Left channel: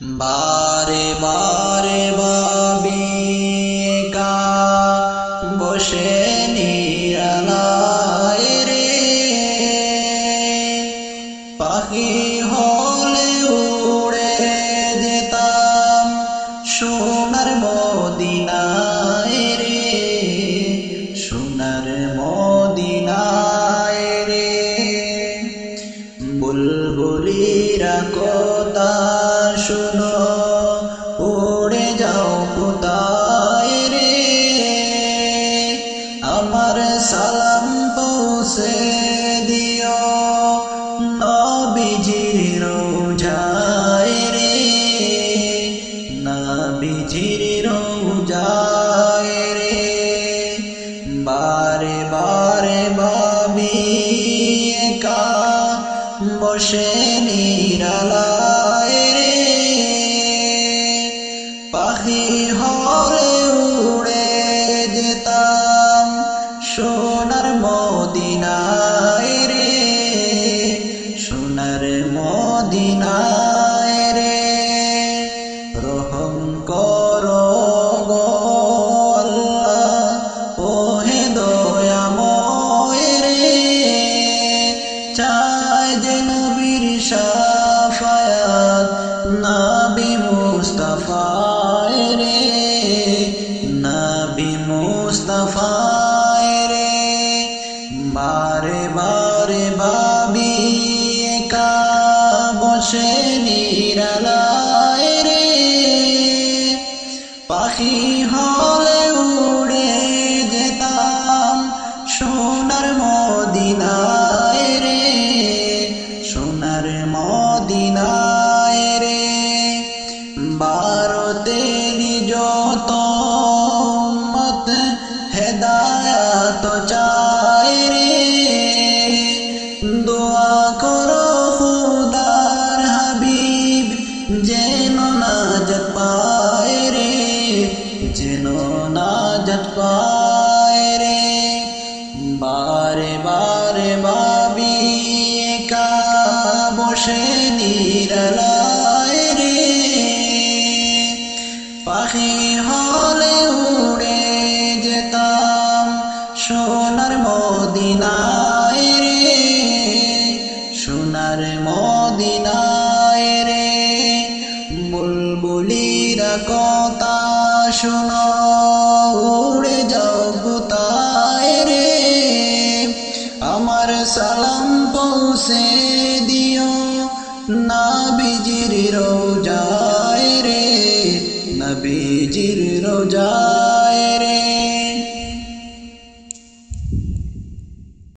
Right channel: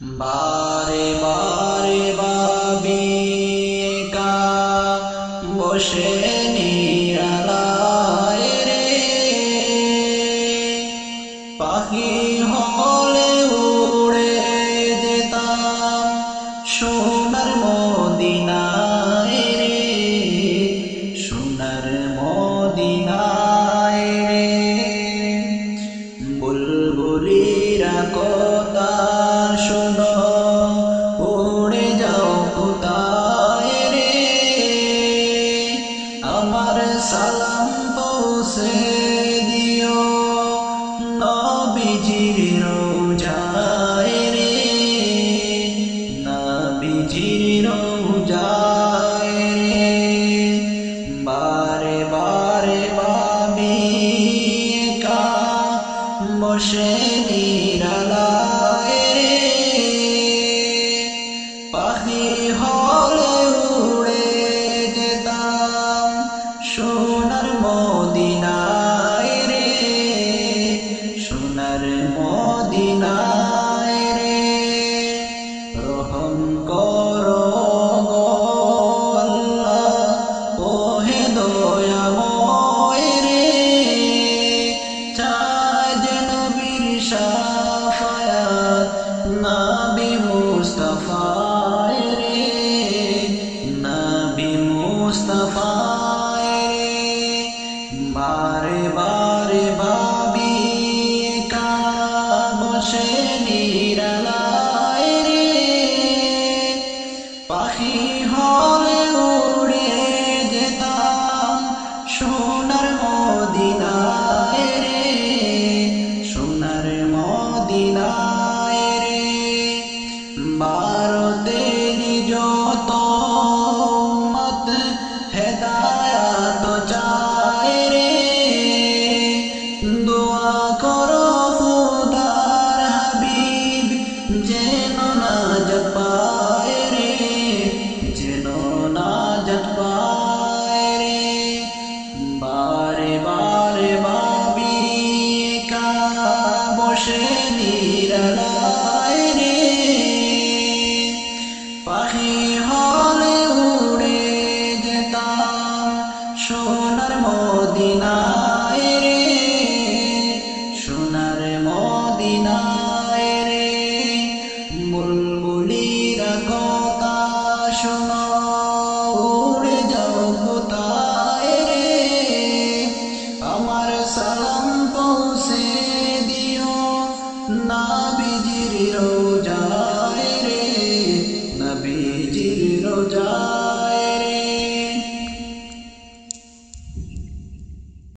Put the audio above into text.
বারে বারে ভাবি একা বসে নিরালায় রে, পাখি হলে উড়ে যেতাম সোনার মদিনায় রে, সোনার মদিনায় রে। বুলবুলিরা কথা শোনো, উড়ে যাও কোথায় রে, আমার সালাম পৌঁছে দিও নবীজির রওজায় রে, নবীজির রওজায় রে। বারে বারে ভাবি একা বসে নিরালায় রে, পাখি হলে উড়ে যেতাম সোনার মদিনায় রে, সোনার মদিনায় রে। রহম করো গো আল্লাহ ওহে দয়াময় রে, চায় যে নবীর শাফায়াত নবী মুস্তাফায় রে, নবী মুস্তাফায় রে। বারে বারে ভাবি একা বসে নিরালায় রে, পাখি হলে উড়ে যেতাম সোনার মদিনায় রে, সোনার মদিনায় রে। ভারতেরই যত উম্মত হেদায়াত চায় রে, দোয়া করো খুদার হাবিব যেন নাজাত পায় রে, যেন নাজাত পায় রে। বারে বারে ভাবি একা বসে নিরালায় রে, পাখি হলে উড়ে যেতাম সোনার মদিনায় রে, সোনার মদিনায় রে। বুলবুলিরা কথা শোনো, উড়ে যাও কোথায় রে, আমার সালাম পৌঁছে দিও নবীজির রওজায় রে, নবীজির রওজায় রে।